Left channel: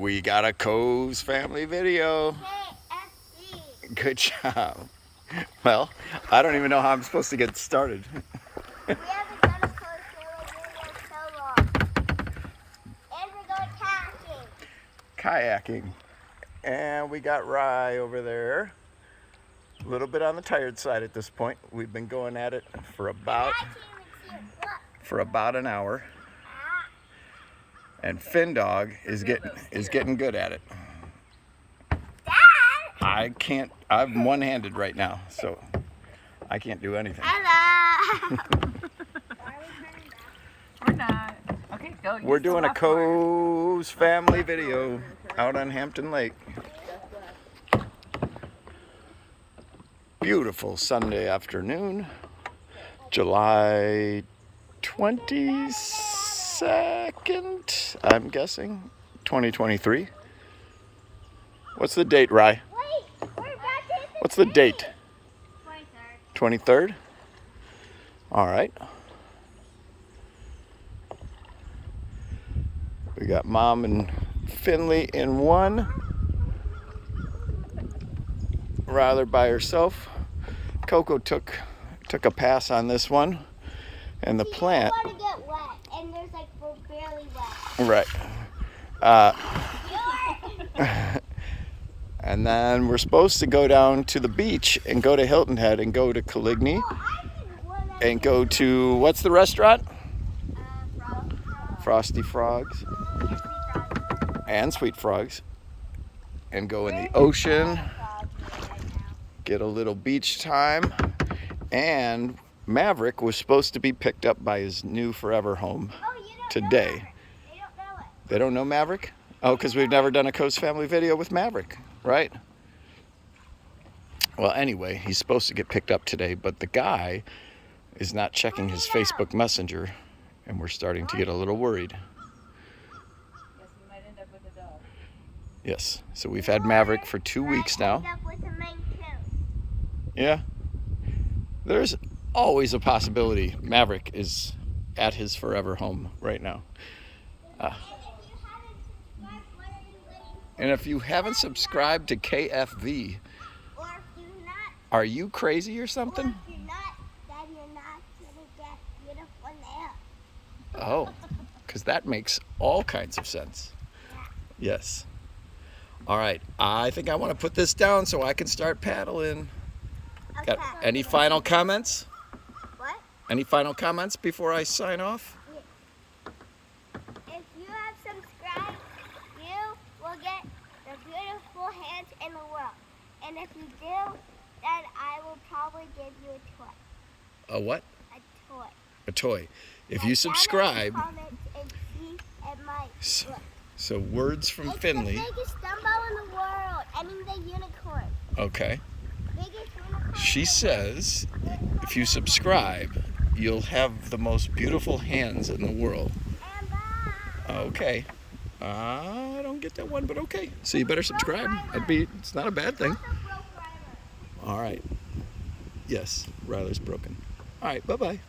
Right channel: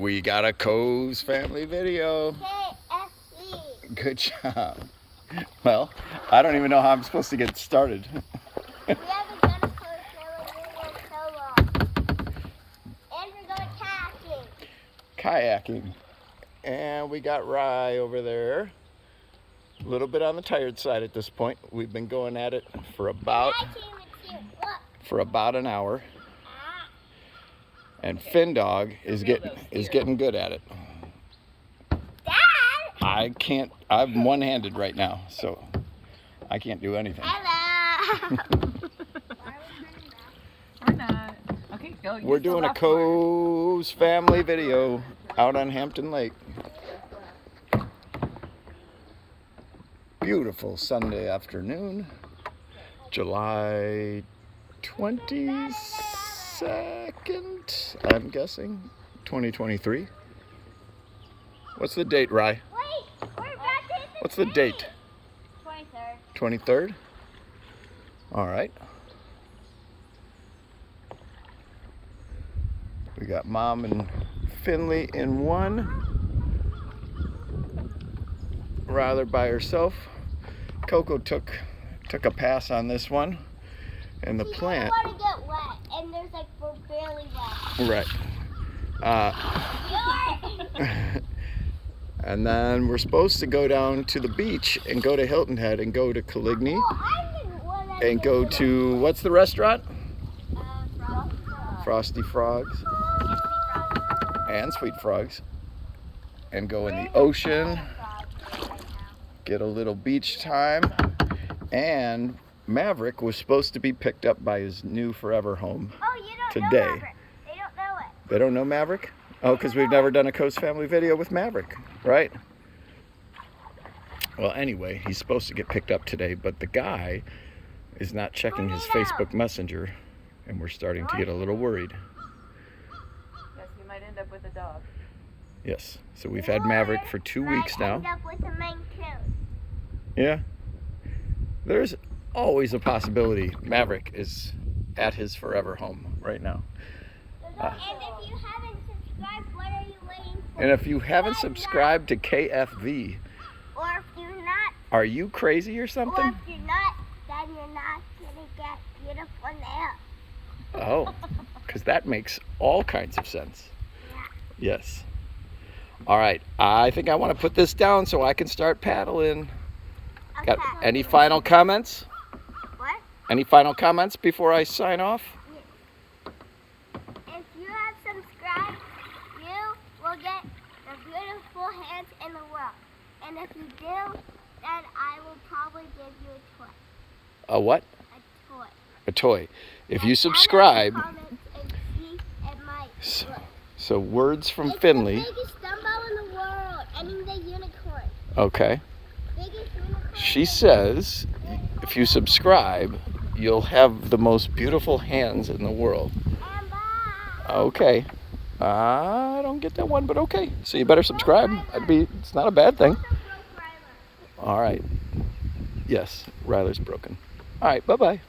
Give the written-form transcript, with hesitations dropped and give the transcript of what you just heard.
We got a Koz Family video. KFV. Good job. Well, I don't even know how I'm supposed to get started. We haven't done a Koz Family video in so long. And we're going kayaking. Kayaking. And we got Rye over there. A little bit on the tired side at this point. We've been going at it for about an hour. And Fin Dog is getting good at it. Dad! I'm one-handed right now, so I can't do anything. Hello! We're not. Okay, go. We're doing a Koz Family video out on Hampton Lake. Beautiful Sunday afternoon, July 22nd, I'm guessing, 2023. What's the date, Rye? What's the date? 23rd. 23rd? All right. We got Mom and Finley in one. Rather by herself. Koko took a pass on this one, and the plant. You don't want to get wet, and there's like we're barely wet. Right. And then we're supposed to go down to the beach and go to Hilton Head and go to Coligny and go to what's the restaurant? Frosty Frogs and Sweet Frogs, and go in the ocean. Get a little beach time, and Maverick was supposed to be picked up by his new forever home today. They don't know it. They don't know Maverick? Oh, because we've never done a Koz Family video with Maverick, right? Well, anyway, he's supposed to get picked up today, but the guy is not checking his Facebook Messenger, and we're starting to get a little worried. Yes, we might end up with a dog. Yes, so we've had Maverick for 2 weeks now. Yeah, there's always a possibility Maverick is at his forever home right now. And if you haven't subscribed, what are you waiting for? And if you haven't subscribed to KFV, Or if you're not, are you crazy or or something? if you're not, then you're not gonna get beautiful nails. Oh, because that makes all kinds of sense. Yes. All right, I think I want to put this down so I can start paddling. Got any final comments? What? Any final comments before I sign off? If you have subscribed, you will get the beautiful hands in the world. And if you do, then I will probably give you a toy. A what? A toy. A toy. If And you down in the subscribe, comments and see at my look. so words from It's Finley. the biggest dumbbell in the world. I mean the unicorn. Okay. Biggest unicorn. She says if you subscribe, you'll have the most beautiful hands in the world. And bye. Okay. I don't get that one, but okay. So you better subscribe. It's not a bad thing. Also broke Ryler. All right. Yes, Ryler's broken. All right, bye-bye.